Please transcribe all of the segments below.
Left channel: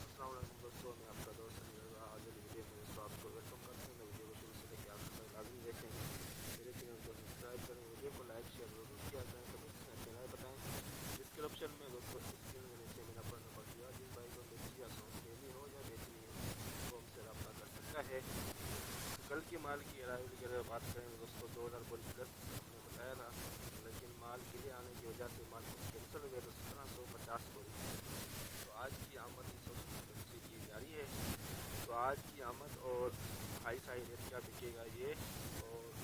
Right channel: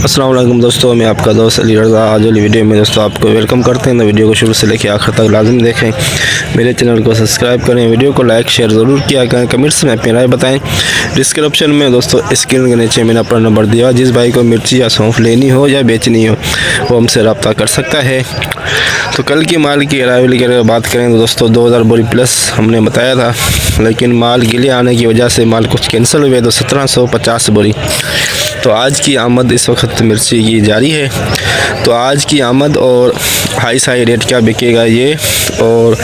अस्सलाम वालेकुम दोस्तों, मैं आपका दोस्त अली रज़ा। आज वाली वीडियो में दोस्तों आपको वेलकम करते हैं। तो वीडियो को शुरू से लेकर आखिर तक लाजिम देखें, मेरे चैनल को सब्सक्राइब करें, वीडियो को लाइक शेयर ज़रूर किया करें, कमेंट्स में अपनी राय बताएं। डिस्क्रिप्शन में दोस्तों स्क्रीन के नीचे मैंने अपना नंबर दिया, जिस भाई को मिर्ची या सौंफ लेनी हो या बेचनी हो वो हमसे रब्ता कर सकता है। तो कल की माल की अराइवल की अगर बात करें तो दोस्तों 2000 बोरी प्लस हमने बताया था, लेकिन माल गिले आने की वजह से माल कुछ कैंसिल हुए तो 1750 बोरी। तो आज की आमद इस वक्त मिर्ची की जारी है। तो आज की आमद और हाई साई रेट क्या बिकेगा ये, और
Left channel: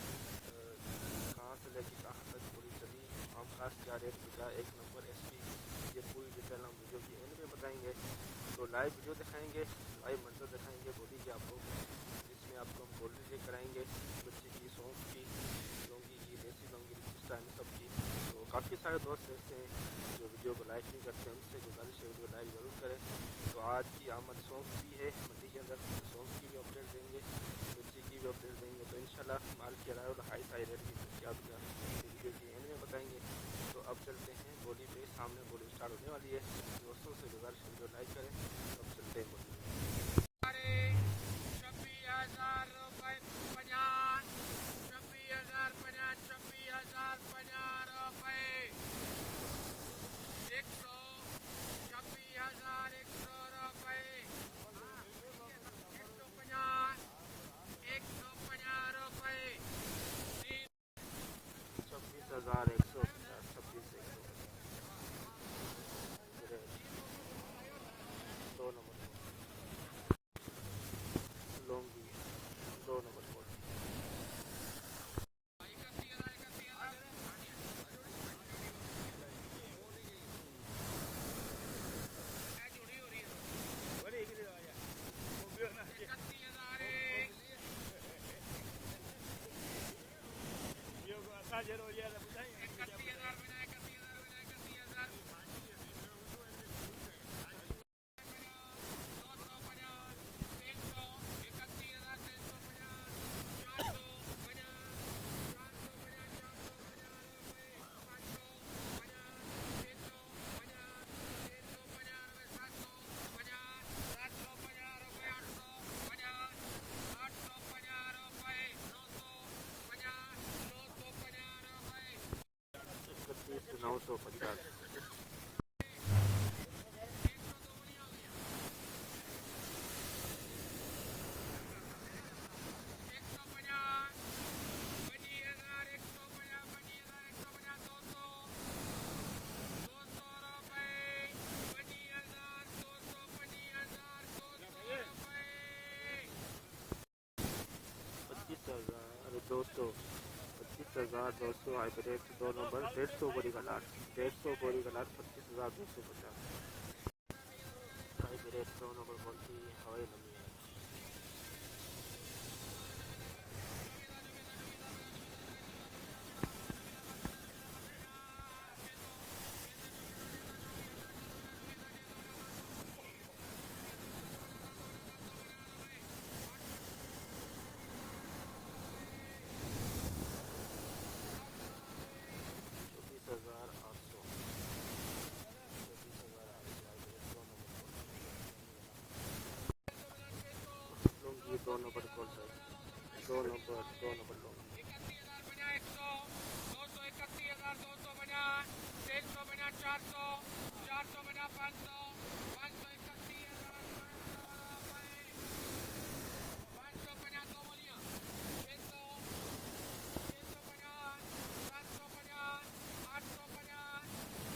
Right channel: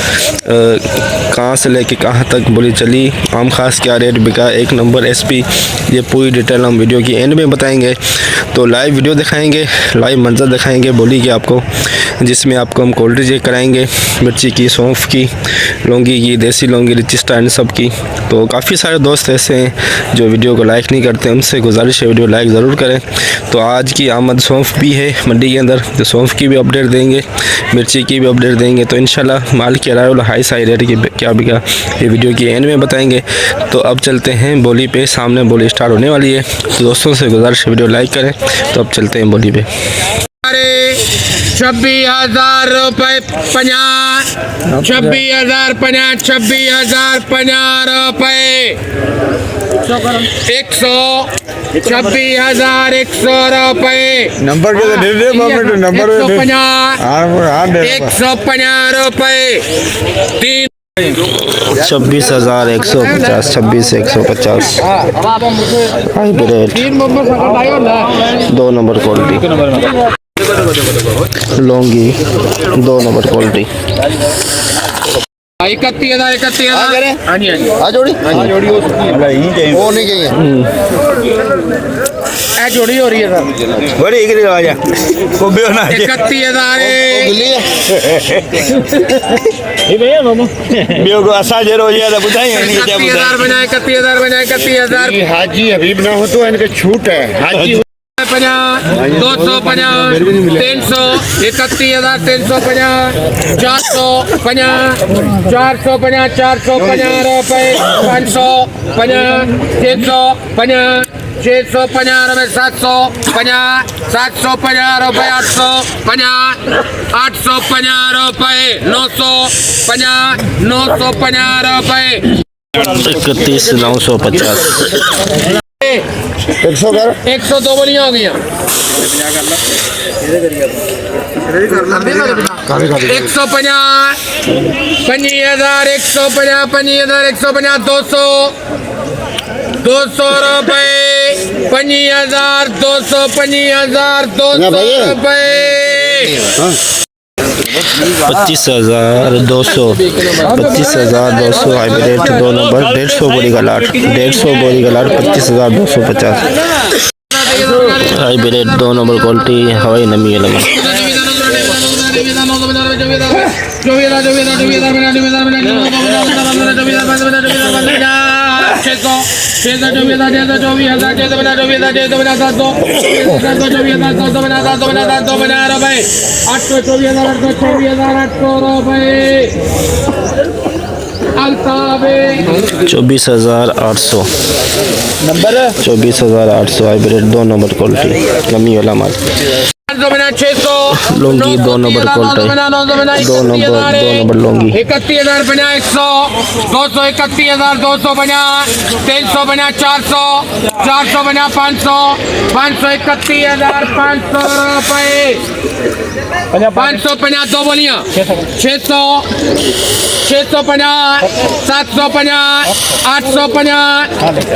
कहाँ से लेके कहाँ तक बोली चली, आम खास क्या रेट बिका, एक नंबर एसपी, ये पूरी डिटेल हम वीडियो की एंड में बताएंगे। तो लाइव वीडियो दिखाएंगे, लाइव मंजर दिखाएंगे बोली की आपको, जिसमें आपको हम क्वालिटी चेक कराएंगे मिर्ची की, सौंफ की, लौंगी की, देसी लौंगी, रिचिस्टा इन सब की। तो काफ़ी सारे दोस्त ऐसे हैं जो वीडियो को लाइक नहीं करते, उनसे गुजारिश है वीडियो लाइक ज़रूर करें। तो आज की आमद सौंफ भी है मंडी के अंदर, तो सौंफ की भी अपडेट देंगे, मिर्ची की भी अपडेट देंगे। तो इंशाल्लाह माल की अराइवल हाई साई रेट की क्या बिका ये वीडियो की एंड में बताएंगे। तो अब चलते हैं बोली पे, सामने बोली स्टार्ट होने वाली है। तो दोस्तों से गुजारिश है वीडियो लाइक करें। तो अब चलते हैं बोली पे। 26,000 रुपये 50, 26,000 50, 26,000 50 रुपये 100, 26,000 100 रुपये नंबर के दे दे नंबर 150 रुपये 3, 26,150, 26 150 hybrid 2 number quality, Laungi 2 number quality 31,000 हाँ जी आ जोड़ी वो नहीं चाहिए ए जोड़ी हो रही है सर, बड़ी एक आ जा को बेो ना 31,000 बेो को असा जे रोज या बुधाई नहीं क्या 31,000 बना 31,000 बना 31,000 हाजी हबीब ना हो तो इनके छूट है हाजी 50, 250, 300, 31,000 350, 450, 450, 450 रुपये 550, 650, 650 रुपये 750, 750 रुपये 850, 850 रुपये 950, 950 रुपये 31,950 102 बोलियां हो गई 150, 50,000 150, 50,000 150, 200 रुपये 50,000 200, 50,000 200 रुपये 25,200, 25,200 हाइब्रिड 2 नंबर 150 बोरी का लाट, 150 बोरी का लाट 25,250 हाइब्रिड 2 नंबर क्वालिटी, हवाई नमी है लगा 24,800 नंबर 24,800 हाइब्रिड 2 नंबर क्वालिटी, नमी वाला माल, 600 Laungi 2 number quality, 2 number Laungi 31,000 बना 100, 200 31,000 250, 300 बना 400, 400 बना 500, 500 31,000 500 रुपये 550 2 बोलियां 600, 650, 750, 850,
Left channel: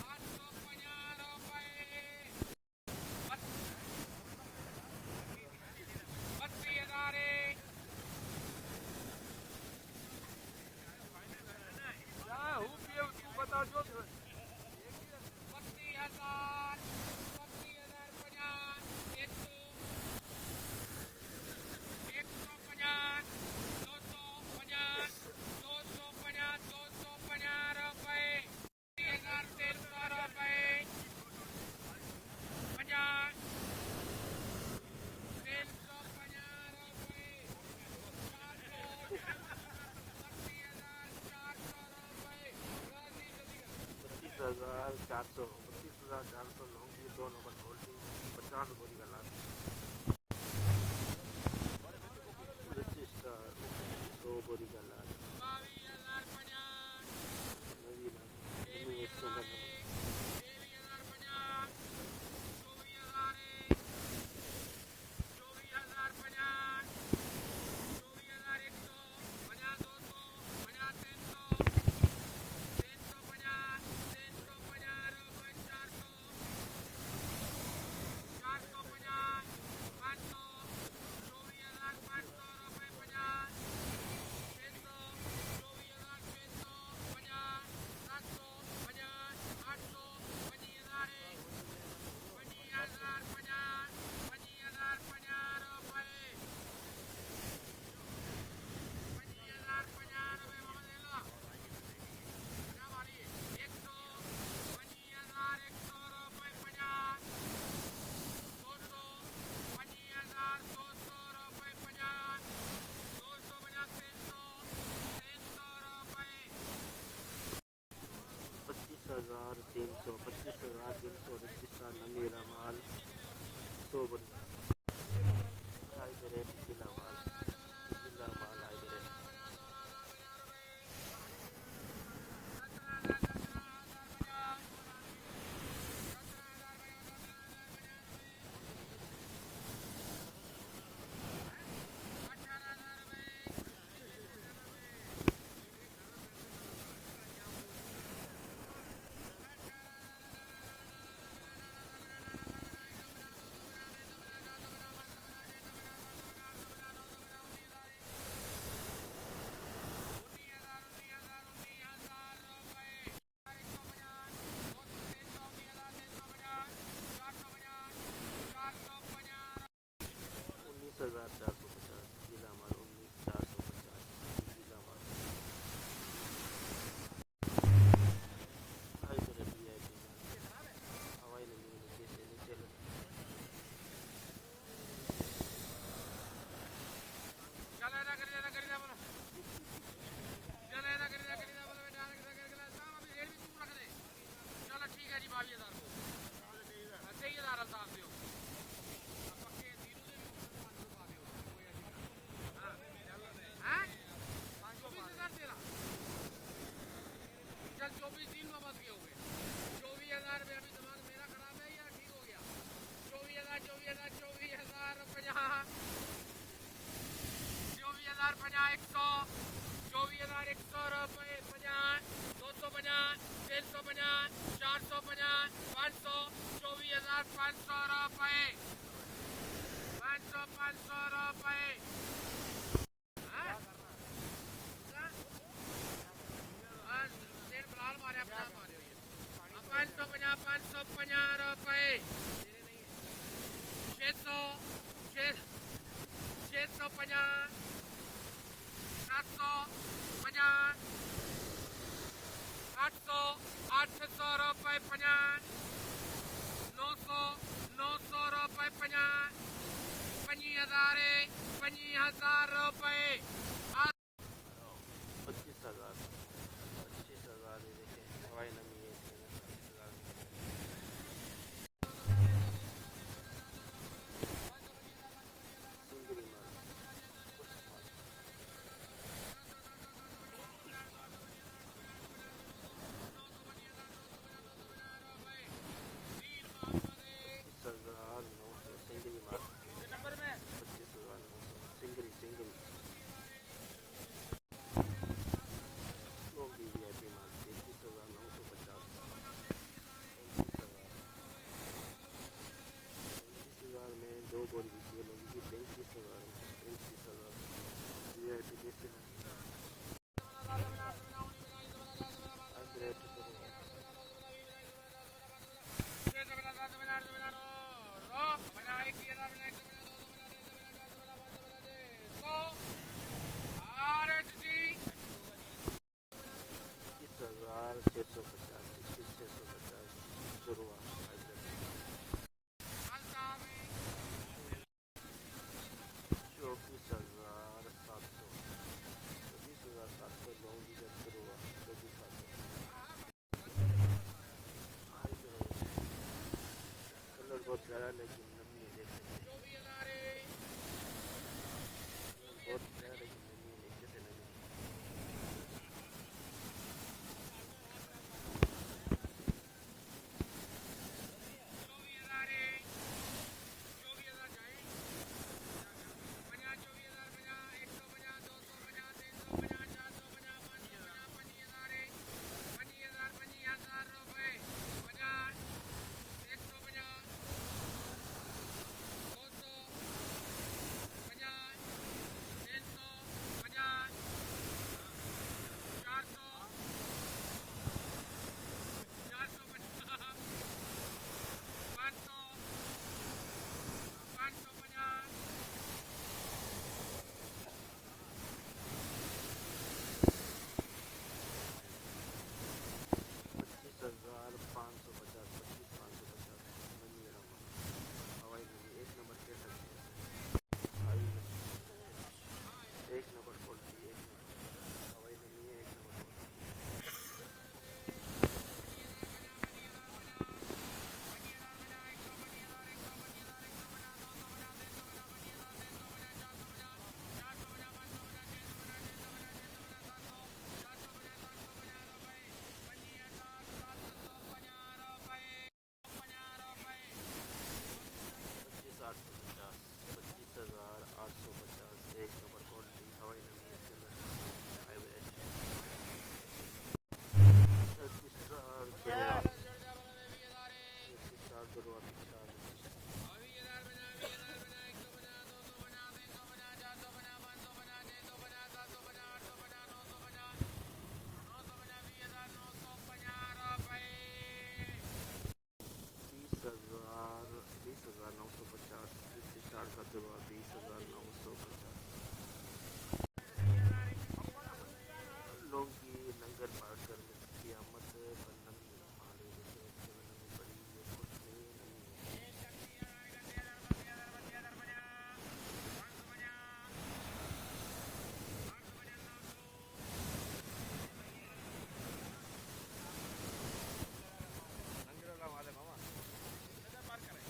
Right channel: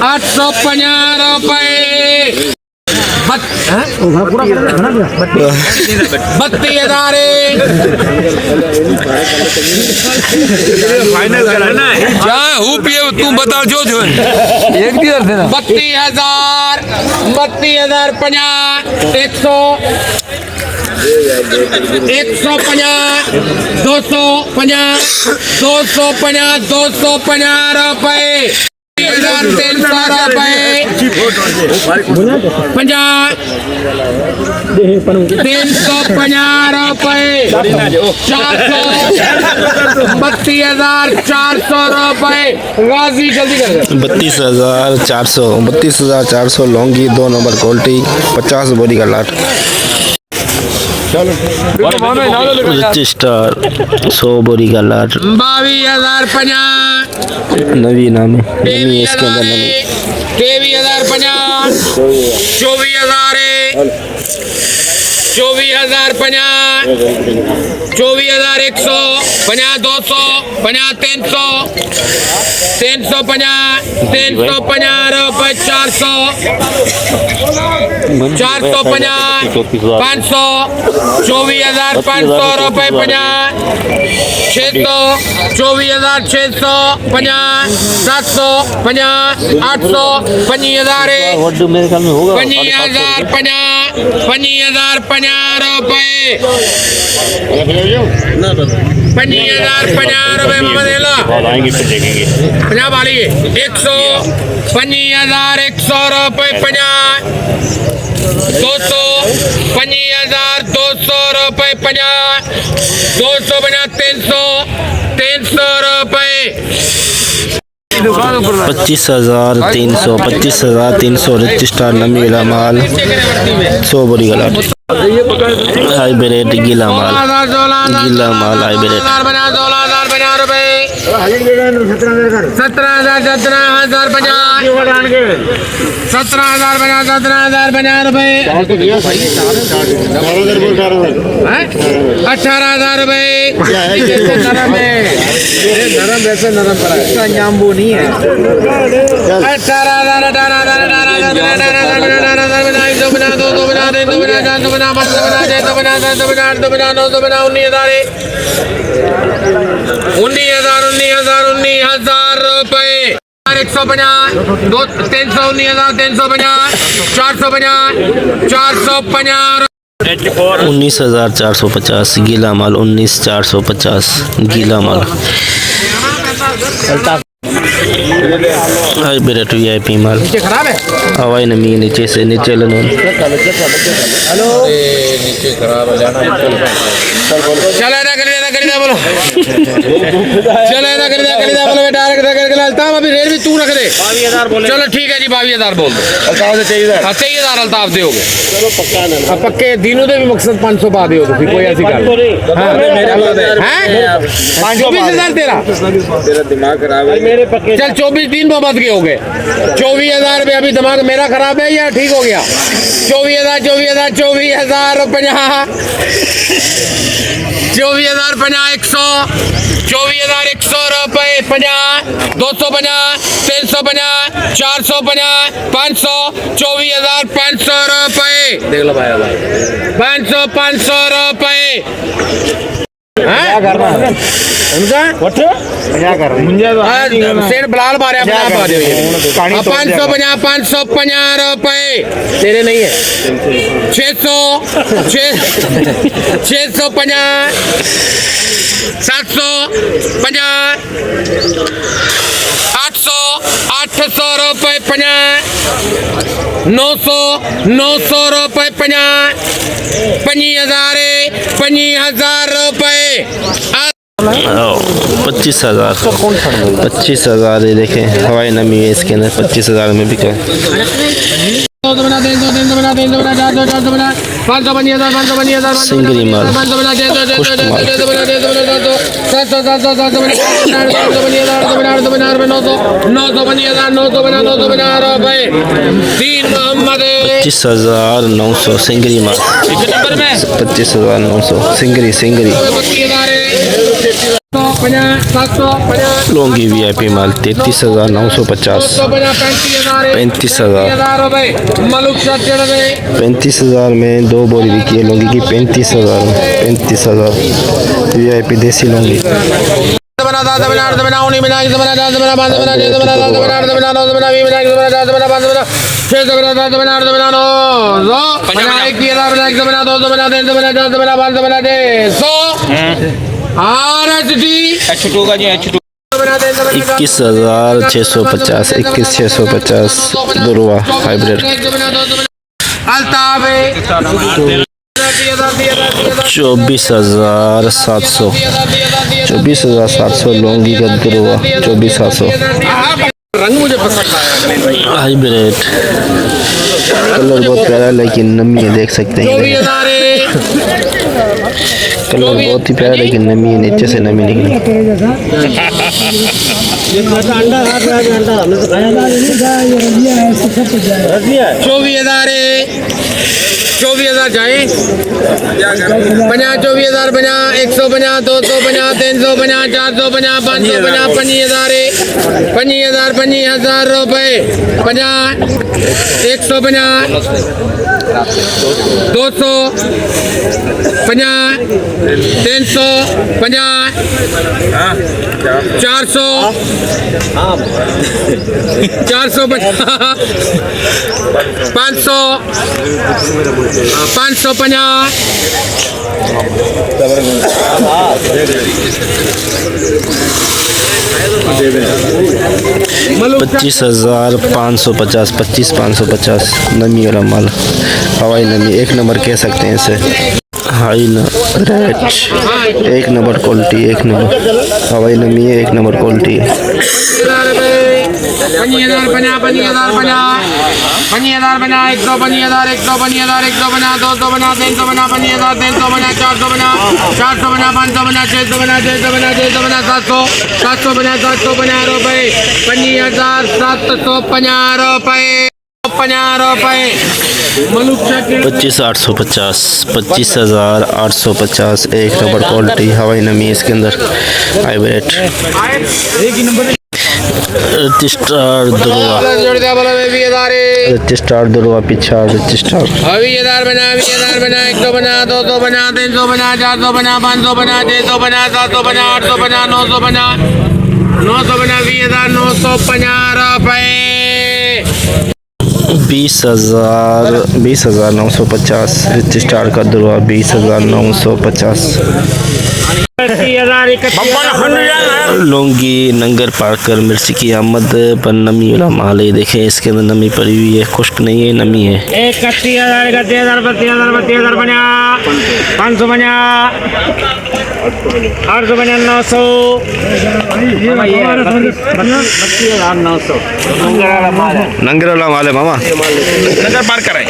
850 रुपये 32,000 फाइनल कराना है क्या हूँ पिए तू बता जो एक दिया 32,000 32,000 50, 100, 150, 250, 250, 250 रुपये 300 रुपए 50 350 रुपए 400 32,400 रुपए गाजी जल्दी कर 32,400 लौंगी 2 नंबर क्वालिटी 50 बोरी का लाट। रजिस्टर 100 बोरी का लाट 22,050 नवी नाम है नवी इसके अंदर नवी 23,050 24,000 24,050 24,100 50 200 50 300 350 350 रुपए 400 450 500 24,500 रुपए 50 600 24,600 50 700 50 800 25,000 25,000 50 रुपए 50,000 रुपए मामा दे लो 50 वाली 100 25,100 रुपए 50 200 25,200 रुपए 50 200 300 रुपए 25,300 रजिस्टर नमी वाला माल 100 बोरी का लाट हाइब्रिड गीला माल हाइब्रिड 16,050 रुपए 17,050 17,050 रुपए 18,000 रुपए नरम वैसे नरम पड़ा है इसका जाम्बू नहीं है 19,000 रुपए 150 319,350 450 19,450 गीला माल 19,450 गीला माल हाइब्रिड वीआईपी माल खराब है हवाई नमी नीचे से नीचे लनोन नीचे खराब है चलो ना कर दिया बोलो चलो ना कर दिया बोलो बेटा करके अल्ताफ अभी रेट भी तू रख दे 22,000 बोले चलो ठीक है जी 22,000 बोल दो अल्ताफ से 23,000 अल्ताफ दोगे चलो पक्का ना पक्के दिनों दे भी मकसद 500 पा दियो तो फिर कोई ऐसी गल हैं 24,000 तेरा दिमाग खराब है मेरे पक्के चल 24 दिन मोहम्मद के हो गए 24,000 रुपये अभी दिमाग मेरा खराब है या ठीक हो गया 24,000 24,050 100 24,100 रुपए 50 250 350 450 500 24,500 रुपए देख लो भाई 500 रुपए क्या करना है उनका क्या कर रहे हैं सेठ बिलाल मारे 550 रुपए तेरे नहीं है 650 750 800 रुपए 50 900 रुपए 50 25,000 रुपए 25,000 ये देखें हवाई नमी है इसके अंदर 25,000 में बिका सिंगरी माल पुष्ट माल 25,900 सिंगरी माल 25,900 सिंगरी लौंगी वीआईपी माल 33,950 35,000 में 2 बोरी बिकी है लौंगी की 35,000 वीआईपी देसी लौंगी 21,650 21,650 दुर्वा हाइब्रिड। 24,700 24,700 लौंगी का दुर्वा 24,700 रंग मुझे पसंद आया हाइब्रिड। कलर बहुत प्यारा लेकिन नमी है, देख सकते हैं कलर बहुत ही प्यारा लेकिन नमी है, नीचे से नमी निकली। 24,000 जाए 50 24,000 50 150 250 350 450 550 25,000 25,000 रुपए 50 150 200 50 300 50 400 450 500 550 25,550 25,550 नमी वाला माल, हवाई नमी, एक नंबर कह सकते हैं इसे। हाई रेट, एक नंबर क्वालिटी, एक नंबर हवाई नमी है, एक नंबर क्वालिटी है। 50,000 50 50,000 50,000 50 150,000 150,000 150 250 350 50,000 350 450 450 550 650 650 650 700 750 रुपए 50,750 रुपए 50 रुपए। 25,850 25,850 एक नंबर क्वालिटी, हवाई नमी है इसके अंदर, हाइब्रिड। रजिस्ट्रार दुर्वा रजिस्ट्रार दुर्वा पीछा रजिस्ट्रार 20,000 बना 20,000 बना 150 200 बना 300 बना 400 बना 500 बना 600 बना 700 बना 800 बना 900 बना 20,950 रुपए। 20,950 रजिस्ट्रार का दुर्वा 20,950। लौंगी नंगर पाकर मिर्ची की आमद पर नमी वाला माल है, देखें इसके अंदर नमी पड़ी हुई है, खुश्क नहीं है, नमी है। 31,000 31,000 32,000 32,000 बना 500 बना 800 बना 900 32,900 नंगर वाला माल है मामा, नंगर पार कराए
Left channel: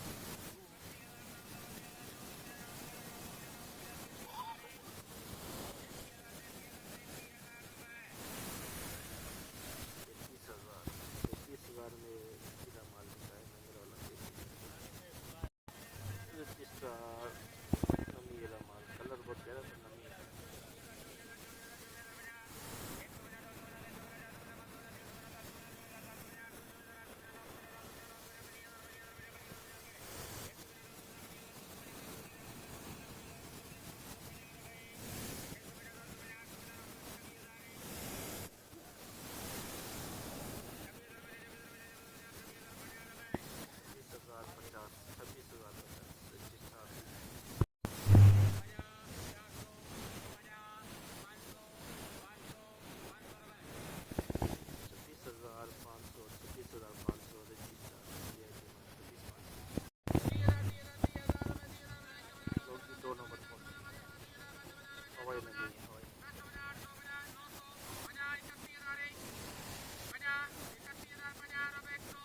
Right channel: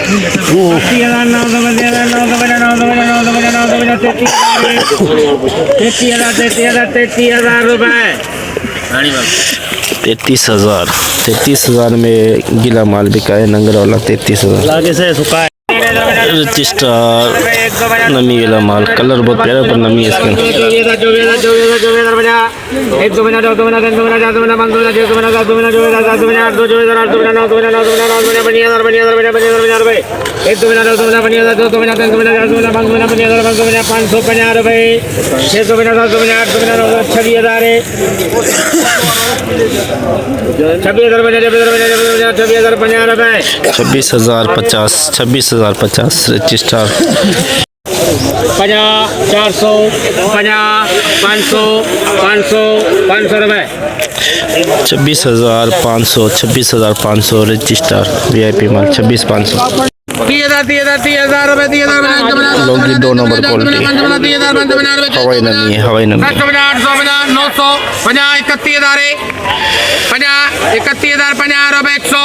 32,900 33,000 रुपए। 33,000 में गिला माल बिका है, नंगर वाला 33,000। रजिस्ट्रार नमी वाला माल, कलर बहुत प्यारा पर नमी है इसके अंदर। 550 रुपए 650 750 850 26,050 रजिस्ट्रार 50 400 50 500 500 500 रुपए 26,500 रजिस्ट्रार VIP माल 26,500। 30,000 रुपए 30,000 लौंगी 2 नंबर क्वालिटी, हवाई नमी है, हवाई नमी। 800 900 50 31,000 50 31,000 50 रुपए 100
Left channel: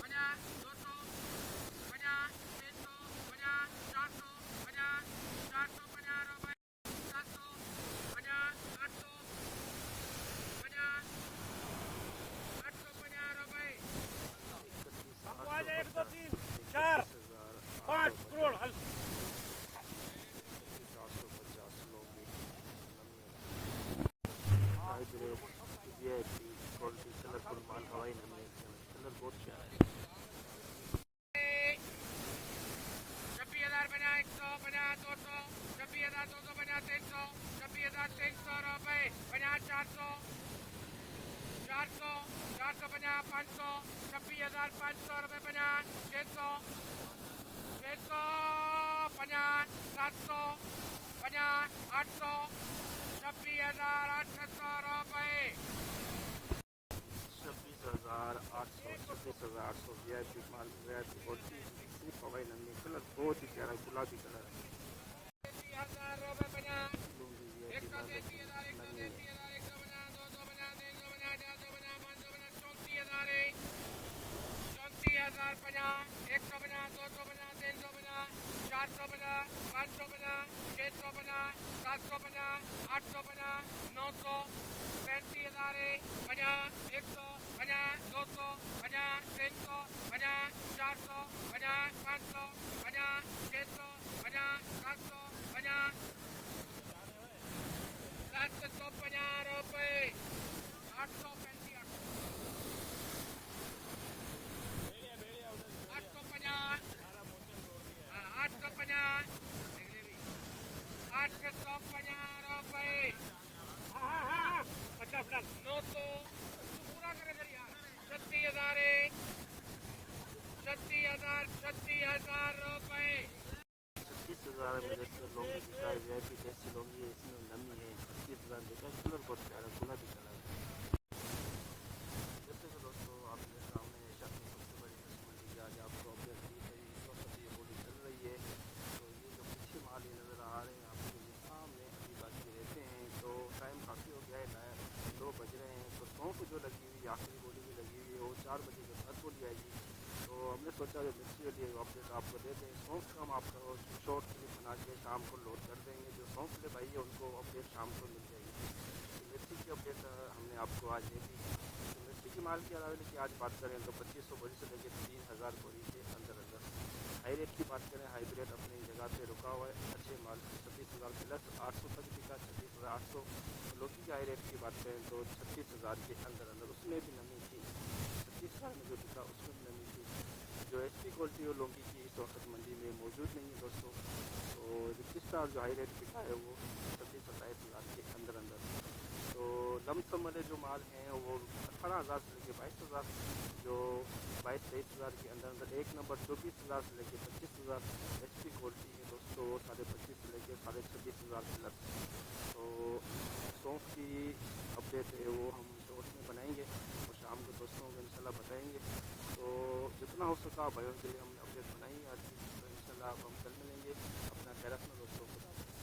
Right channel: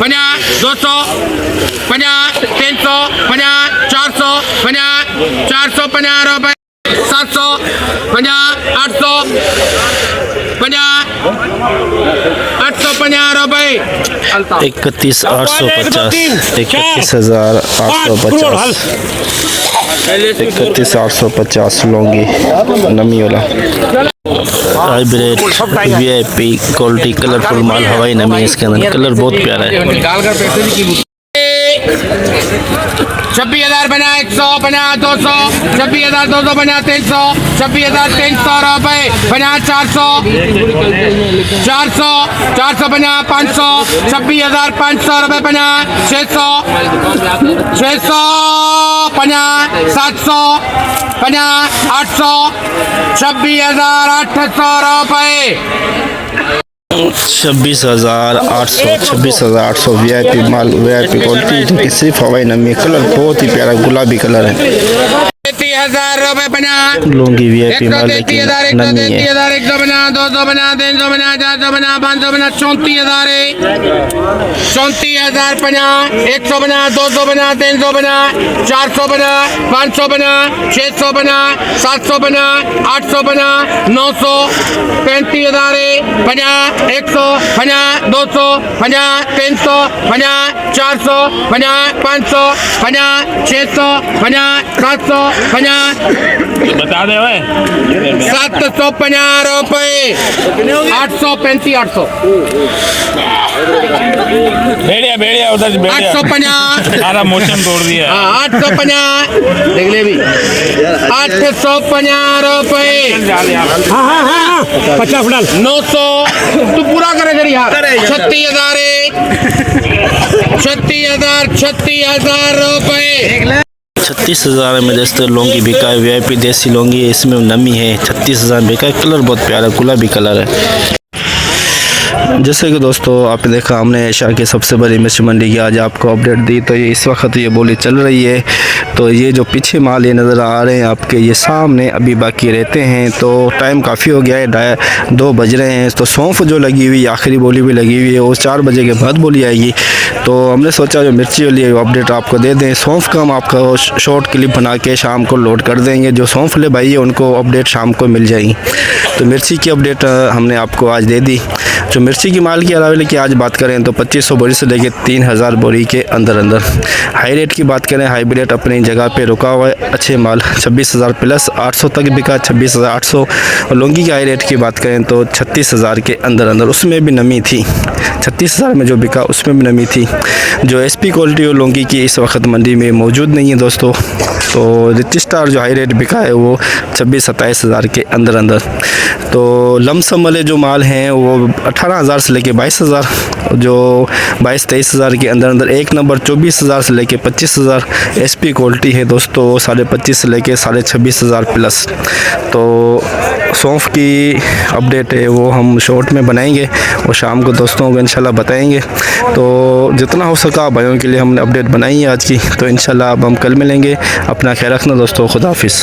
50 200 50 300 50 400 50 450 रुपए 700 50 800 50 850 रुपए 31,850 31,850 31,850 लौंगी नमी वाला हाइब्रिड VIP क्वालिटी, कलरफुल माल, हवाई नमी है इसके अंदर, कलर बहुत प्यारा है। 26,000 बना 100 बना 200 26,200 बना 300 26,300 रुपए बना 400 400 बना 500 26,500 रुपए बना 600 50 700 50 800 26,800 रुपए 26,800 VIP माल VIP क्वालिटी जो कि सिर्फ हवाई नमी कलर बहुत ही प्यारा गुलाबी कलर है 33,000 रुपए 50 लुंगी VIP माल लेकिन 133,000 नमी है 150 250 350 450 550 34,000 34,000 50 150 250 350 450 550 650 750 850 900 35,000 50 100 50 200 50 300 50 400 50 500 50 600 50 700 50 बता दे ओए 750 रुपए 835 800 भेड़िया भेड़िया उधर से भेड़िया 850 सारा मौसम तोड़ दिया 850 देख ले भी 850 रुपए 900 तू पूरा करे जरी यार 36,000 रुपए 36,000 में दोस्तों लौंगी बिका है VIP देसी लौंगी है इसमें नमी है 36,000 बिका है कलर बहुत प्यारा गुलाबी कलर है जैसे कि दोस्तों आपने देखा हमने एशिया की सबसे बड़ी मिर्च मंडी की आज आपको अपडेट दी तो ये इस वक्त ये बोली चल रही है तो ये जो पीछे माल ये नज़र आ रहे हैं आपके ये सामने अभी बाकी रहते हैं तो टाइम काफ़ी हो गया है 2 बज रहे हैं तो सौंफ जो लगी हुई आखिरी बोली भी लगी हुई है वो 4 बजे के बाद बोली आएगी तो हमने सोचा जो मिर्ची वाली अपडेट आपको दे दें सौंफ का हम आपको शॉर्ट क्लिप बना के शाम को लोड कर देंगे जो सौंफ ले भाई है उनको अपडेट शाम को मिल जाएगी तो मिर्ची की अपडेट हमने आपको आज दे दी जो मिर्ची की माल की अलावा की आज बात करें तो 2500 बोरी से लेकर 3,000 बोरी के अंदर हाई रेट की बात करें हाई रेट अपनी जगह पे रुका हुआ है अच्छे माल 26,000 प्लस 800 तक बिका 26,800 और लौंगी की हाई रेट की बात करें तो 36,000 के अंदर उसमें भी नमी थी 36,000 में जो बिका उसमें भी नमी थी जो SP क्वालिटी और लौंगी की इस वक्त मंडी में मौजूद नहीं है दोस्तों तो रिच स्टार जो हाई रेट बिका है वो 26-27,000 के अंदर तो लमसम वाले जो माल हैं वो 18,000 से लेके 22,000 जो 22-23,000 के अंदर एक नंबर 24,000 से लेके 25,000 SP क्वालिटी है दोस्तों 25,500 से लेके 26,500 प्लस तो सौंफ की अपडेट है वो हम शॉर्ट में बनाएंगे और शाम को दोस्तों को इंशाल्लाह बताएंगे तो जितना हो सका भाइयों के लिए हमने अपडेट बनाई है आज की तो इंशाल्लाह अब हम कल मिलेंगे अपना ख्याल रखना दोस्तों खुदा हाफिज़।